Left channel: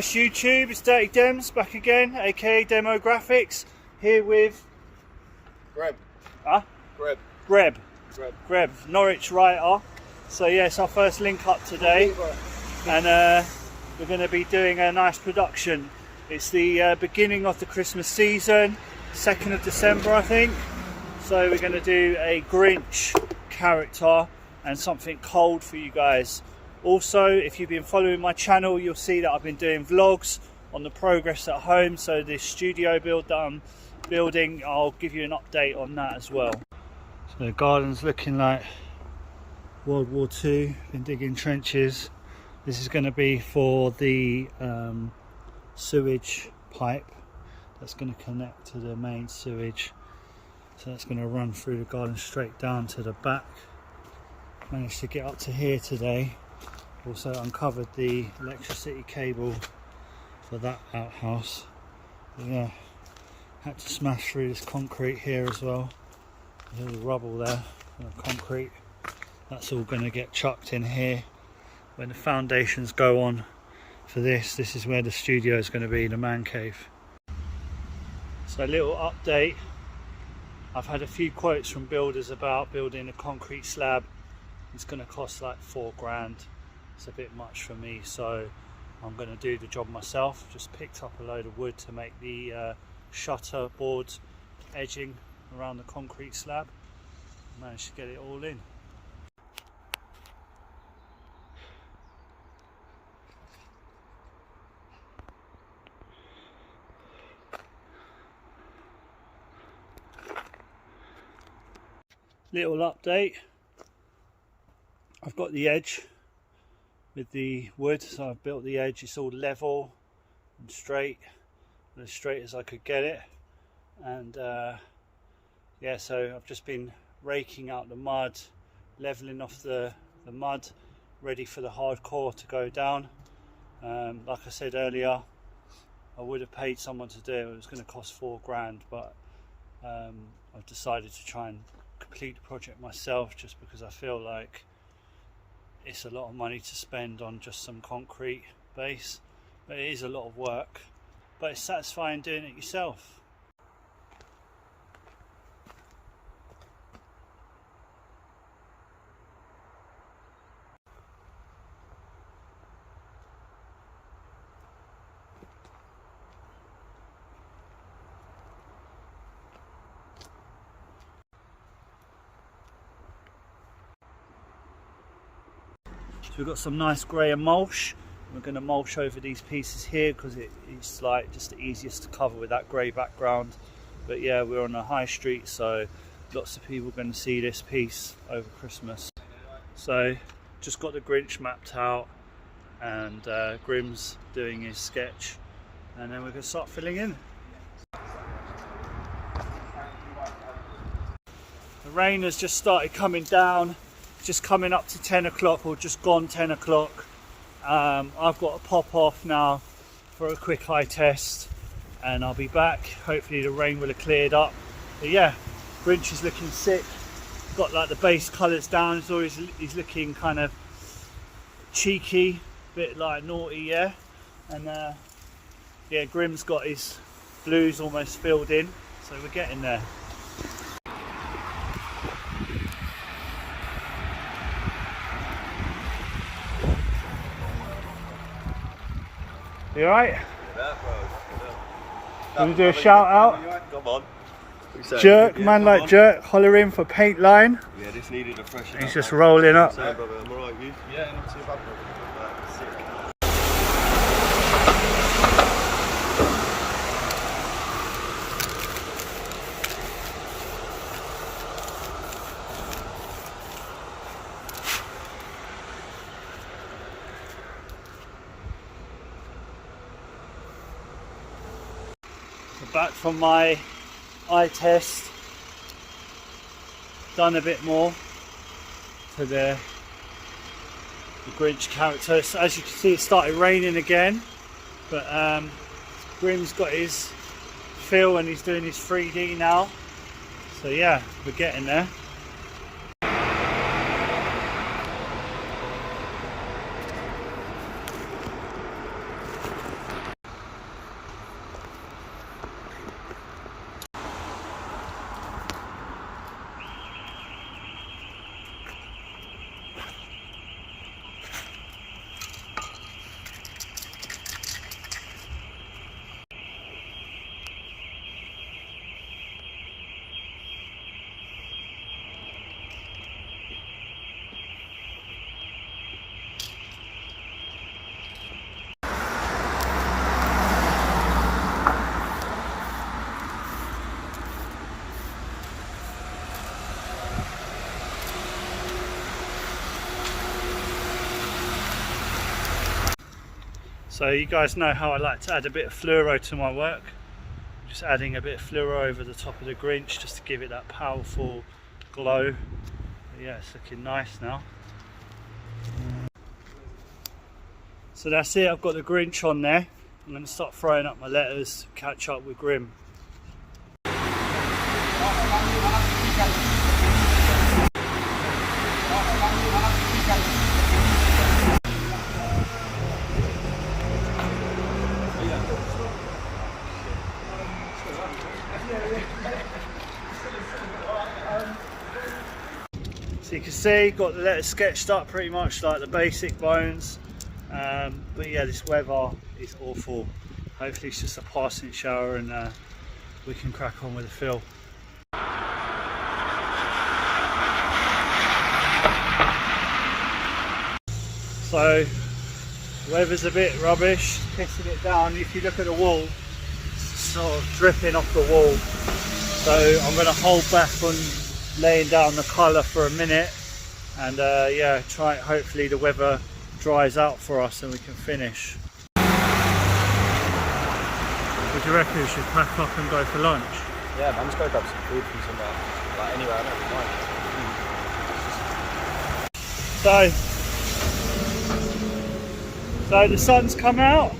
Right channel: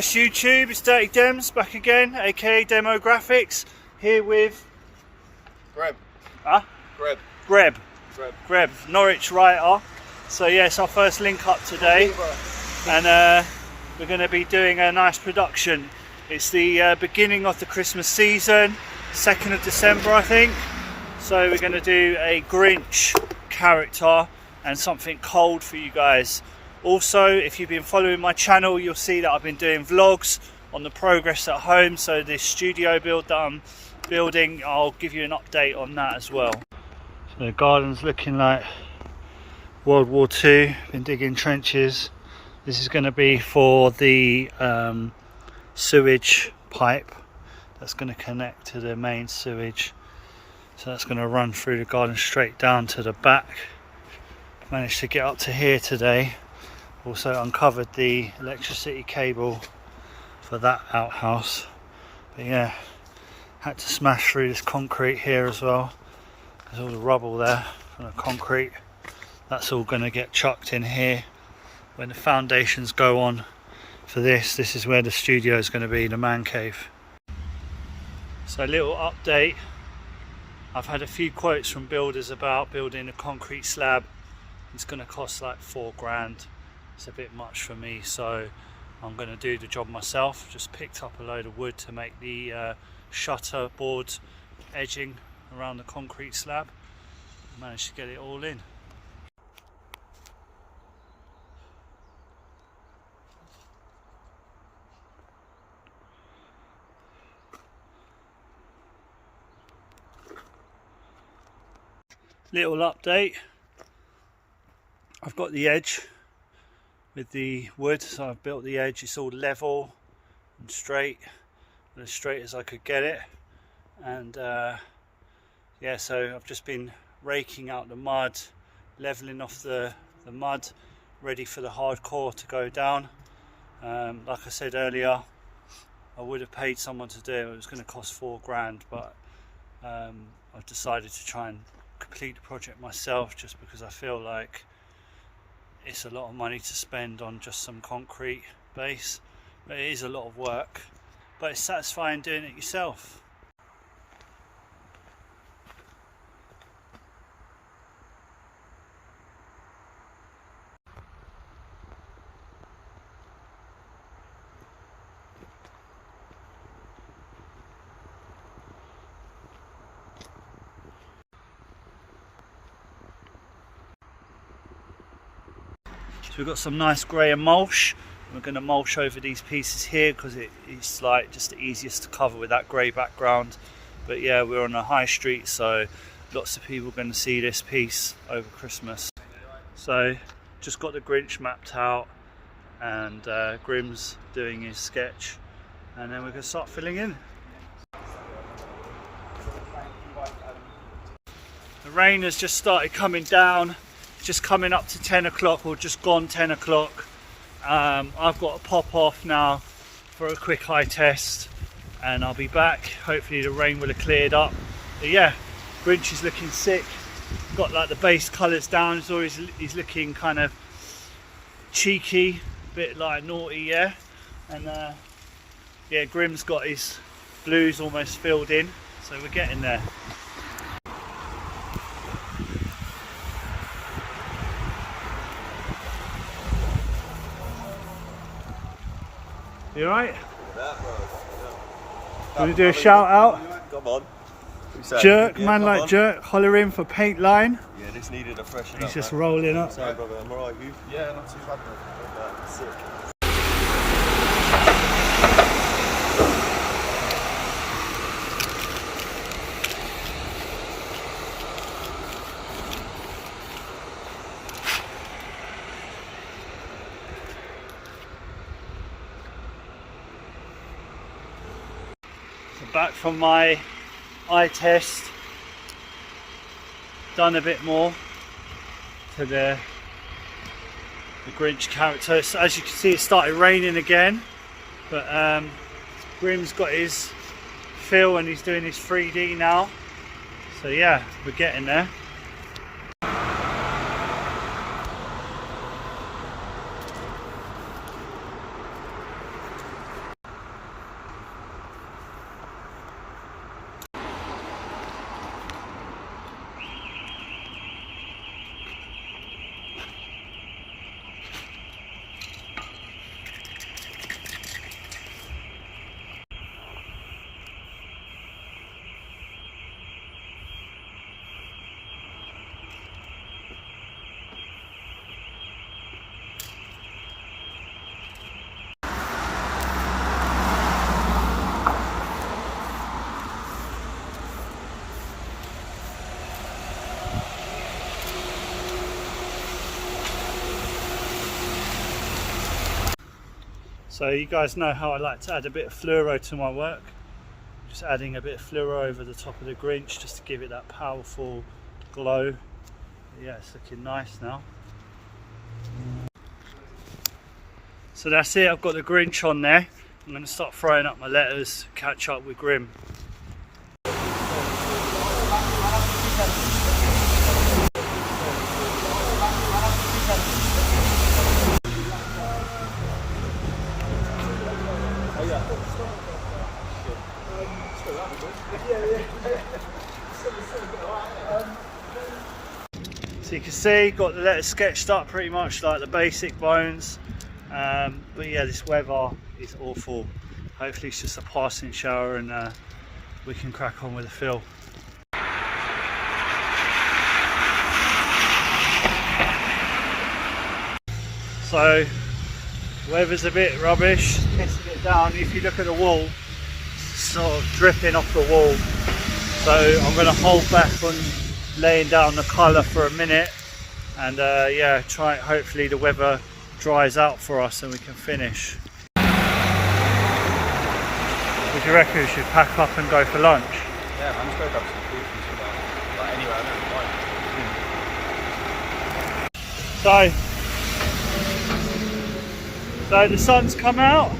Yes, YouTube, it's Dirty Dems back again, aka Demograffix, here with Greb. Huh? Greb, Norwich writer. So yes, our first link up today, and we're going to be doing a nice production. It's the beginning of the Christmas season, 2nd of December I think. So we're going to do a Grinch character and something cold for you guys. Also, if you've been following my channel, you'll see that I've been doing vlogs on the progress at home. So this studio build that I'm building, I'll give you an update on that as well. So the garden's looking like World War II. Been digging trenches. This is going to be for the sewage pipe that's going to connect to the main sewage. So that's going to run through the garden straight down to the back. Managed to get up to here today. Also uncovered the electricity cable for that outhouse. But yeah, had to smash through this concrete here as well. There's all the rubble there from the concrete. That's all going to get chucked in here when the foundations go on for this. This is where the studio is going to be, the man cave. So a little update. I've had a few quotes from builders about building a concrete slab. It's going to cost like 4 grand. It's a bit much for me, so I'm going to do the job myself. Just picked up a load of wood to make the shutter board edging around the concrete slab. Managed to get it all in. Little update. I've got the edge with the wood, so I've built the edge. It's all level and straight, as straight as I could get it. And yeah, so I've just been raking out the mud, leveling off the mud, ready for the hardcore to go down. Like I said earlier, I would have paid someone to do it. It was going to cost 4 grand, but I've decided to try and complete the project myself, just because I feel like it's a lot of money to spend on just some concrete base. But it is a lot of work, but it's satisfying doing it yourself. So we've got some nice grey and mulch. We're going to mulch over these pieces here because it's like just the easiest to cover with that grey background. But yeah, we're on a high street, so lots of people are going to see this piece over Christmas. So just got the Grinch mapped out, and Grim's doing his sketch, and then we're going to start filling in. The rain has just started coming down. Just coming up to 10 o'clock, or just gone 10 o'clock. I've got to pop off now for a quick eye test, and I'll be back. Hopefully the rain will have cleared up. But yeah, Grinch is looking sick. Got like the base colours down, so he's looking kind of cheeky, a bit like naughty, yeah. And yeah, Grim's got his blues almost filled in, so we're getting there. You alright? Yeah, bro. Want to do a shout out? Come on. Jerk, man like Jerk, holler in for paint line. Yeah, this needed a fresh. He's just rolling up. I'm alright, you? Yeah, not too bad. Sick. Back from my eye test, done a bit more to the Grinch character. So as you can see, it started raining again, but Grim's got his feel and he's doing his 3D now. So yeah, we're getting there. So you guys know how I like to add a bit of fluoro to my work. Just adding a bit of fluoro over the top of the Grinch just to give it that powerful glow. But yeah, it's looking nice now. So that's it, I've got the Grinch on there. I'm going to start throwing up my letters, catch up with Grim. So you can see, got the letters sketched up pretty much like the basic bones. But yeah, this weather is awful. Hopefully it's just a passing shower and we can crack on with the fill. So weather's a bit rubbish, pissing it down. If you look at the wall, it's sort of dripping off the wall. So I'm going to hold back on laying down the colour for a minute and yeah, try it. Hopefully the weather dries out for us and we can finish. What do you reckon? We should pack up and go for lunch? Yeah, I'm just going to grab some food from somewhere. Like anywhere, I don't mind. So the sun's come out,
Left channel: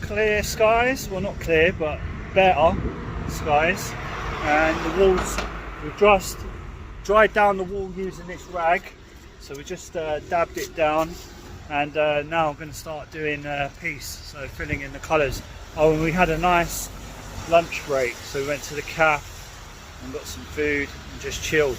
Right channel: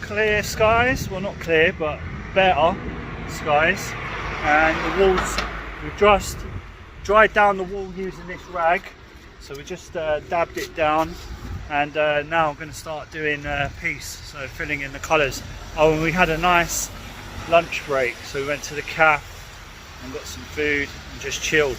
clear skies, well not clear but better skies, and the walls, we've just dried down the wall using this rag, so we just dabbed it down, and now I'm going to start doing piece, so filling in the colours. Oh, and we had a nice lunch break, so we went to the cafe and got some food and just chilled.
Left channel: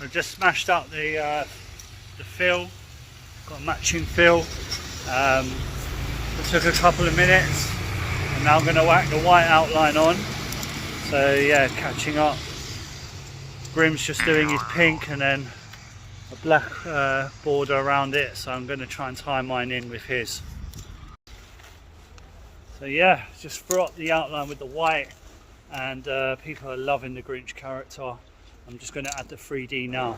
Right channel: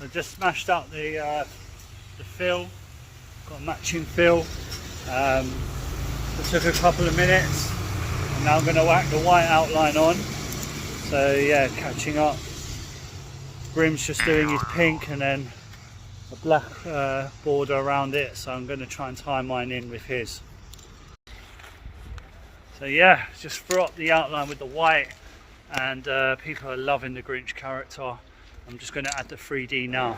I've just smashed up the fill, got a matching fill. It took a couple of minutes, and now I'm going to whack the white outline on. So yeah, catching up. Grim's just doing his pink and then a black border around it, so I'm going to try and tie mine in with his. So yeah, just threw up the outline with the white, and people are loving the Grinch character. I'm just going to add the 3D now.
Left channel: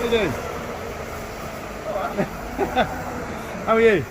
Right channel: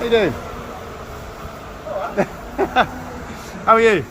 How you doing? How are you?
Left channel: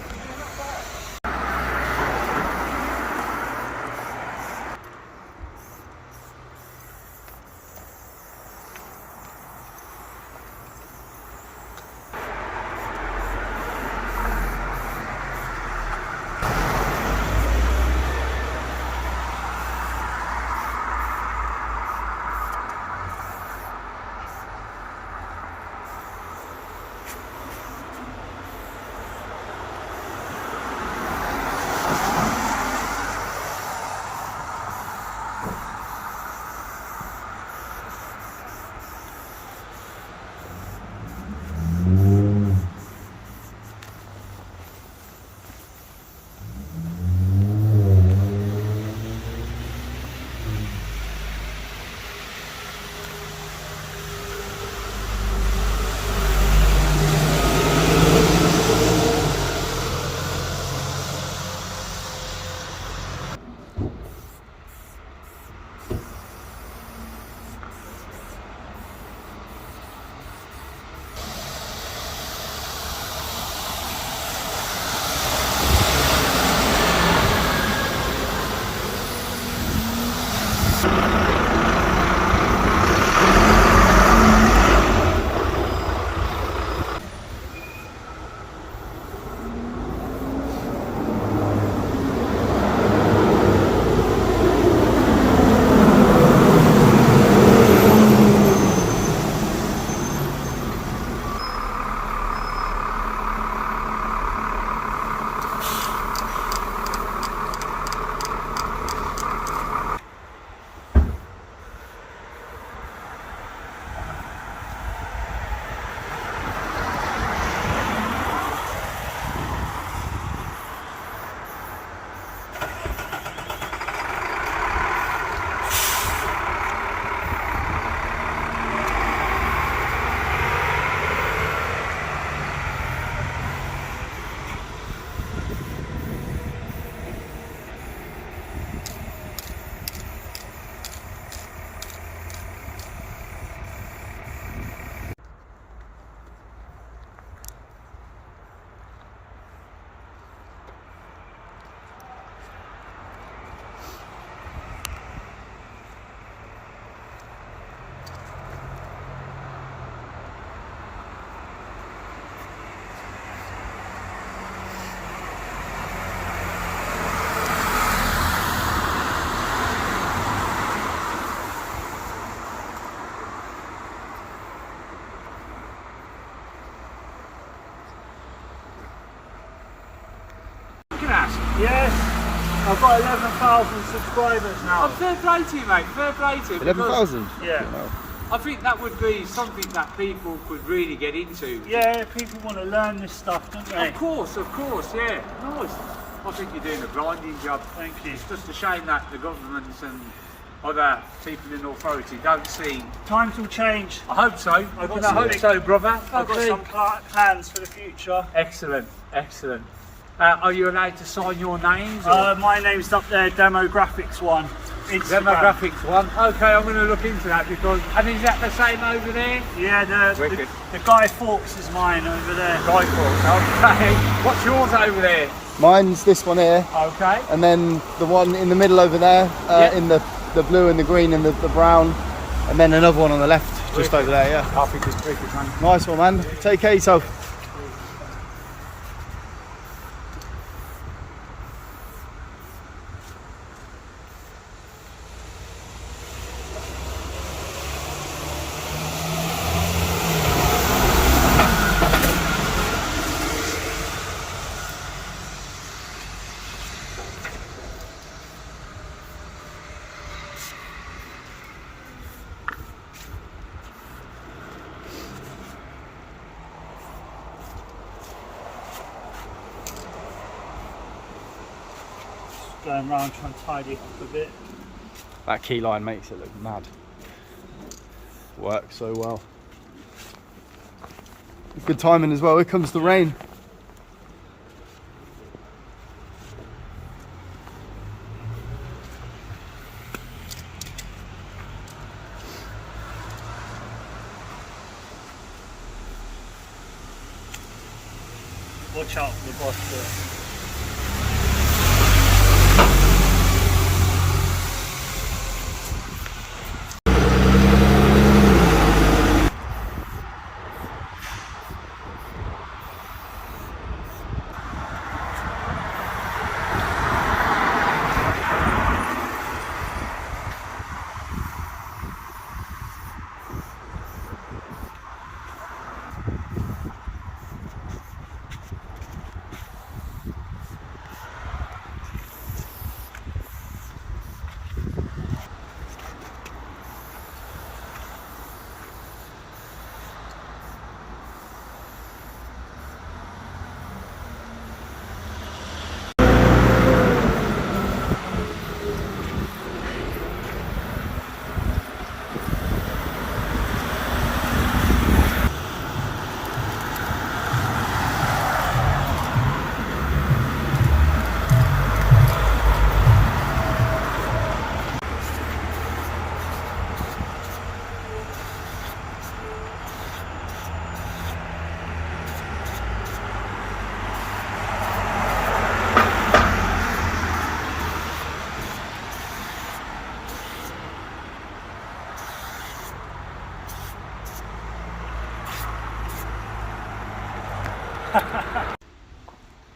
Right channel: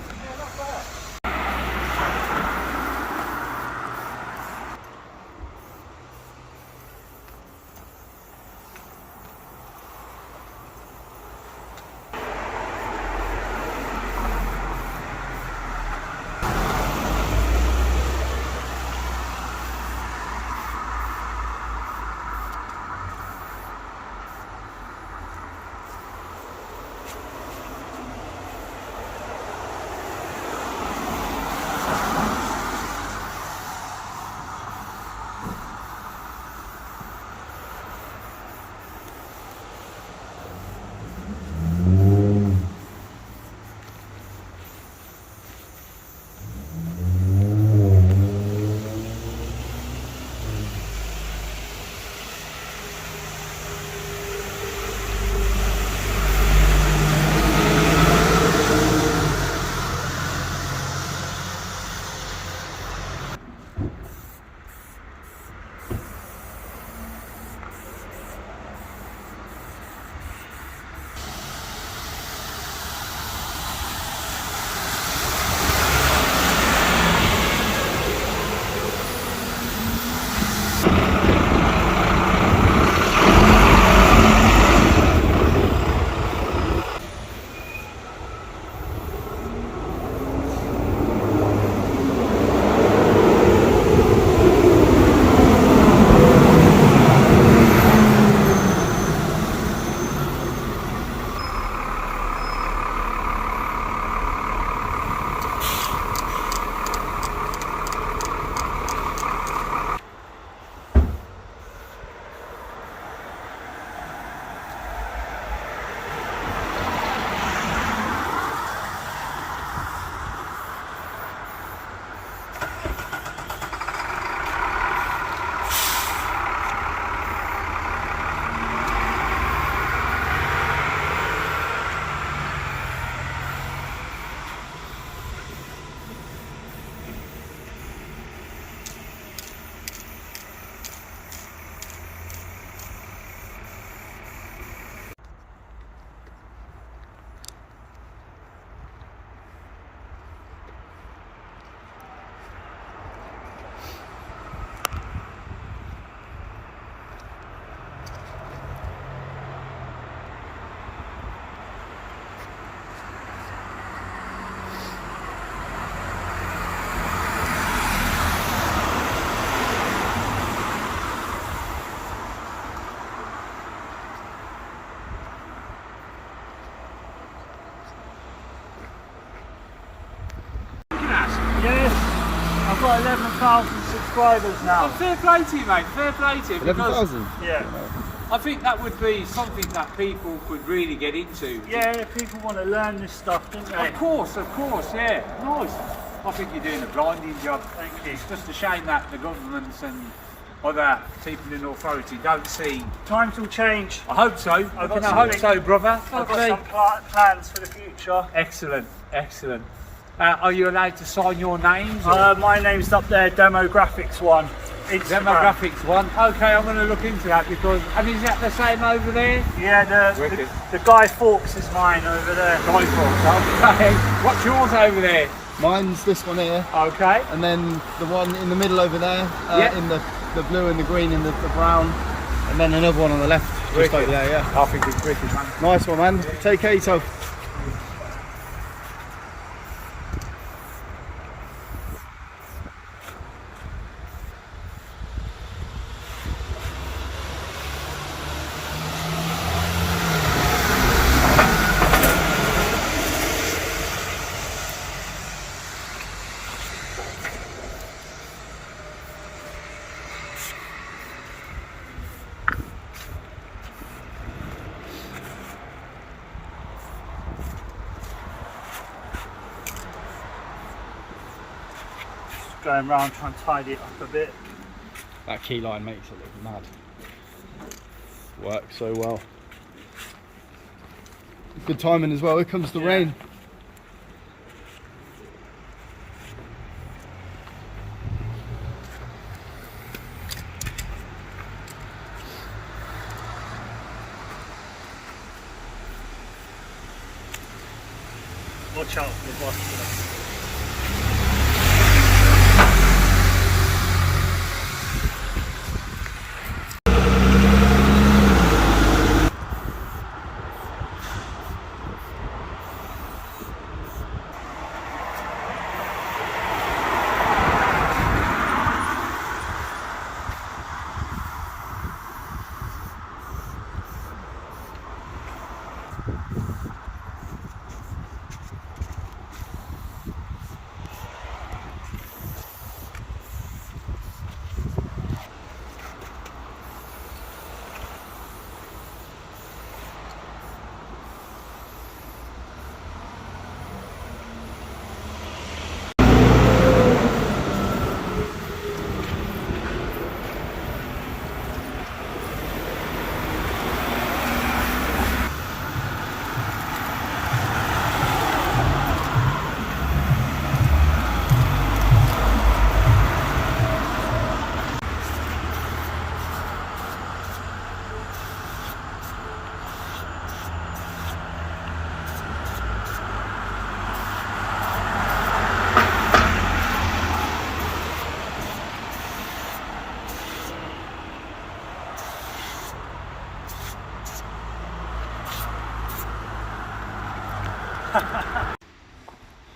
I've got 11,000 subscribers now. Oh, fair play to you, mate. Fair play to you. 11,000? Yeah. I think that would be something that people could really get into. Yeah, people want to learn this stuff, don't they? Of course, yeah. Nice. I think you're doing a blinding job. Thank you. It's just a shame that the governments and other people in authority don't see. Times will change. I hope so. I hope so, brother. I've got Okay. some plans for the future. Excellent, excellent. Are you allowed to sign your names? My name's up there, Demograffix 1. Instagram. Demograffix 1. Okay, I'm going to look into that because. And is that the same over there? Yeah, the Wicked. Guy Fawkes is mine over there. Guy Fawkes. Okay. What's yours over there? Mine's this one here, Okay. and then the one in the middle over there, Yeah. in the blue and the green and the brown, and then another one on the left, just over there, yeah. I think it's wicked, man. Nice one, man. Take care of yourself. Going round trying to tidy it up a bit. That key line makes it look mad. Works so well. Good timing as well. Here comes the rain. Watch out for the boss here.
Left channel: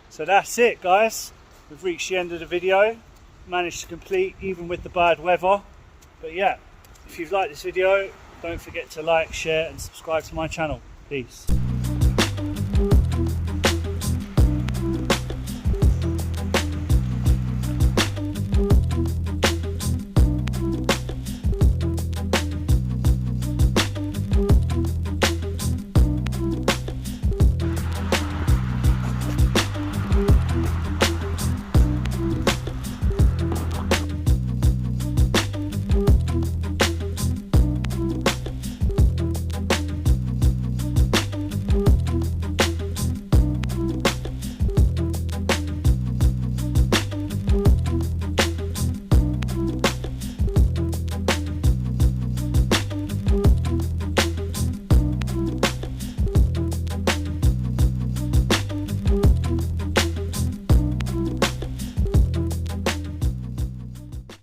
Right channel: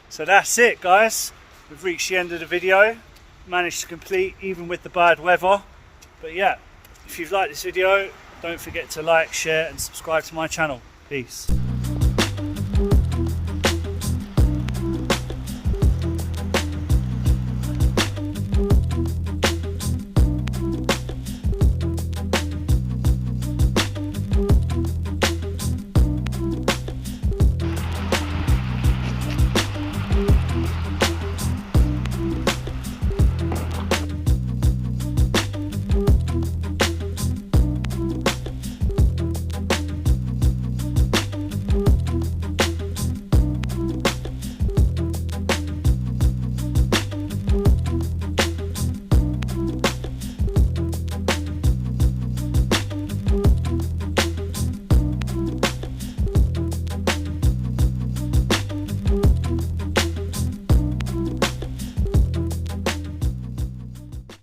So that's it, guys. We've reached the end of the video. Managed to complete even with the bad weather. But yeah, if you've liked this video, don't forget to like, share and subscribe to my channel. Peace.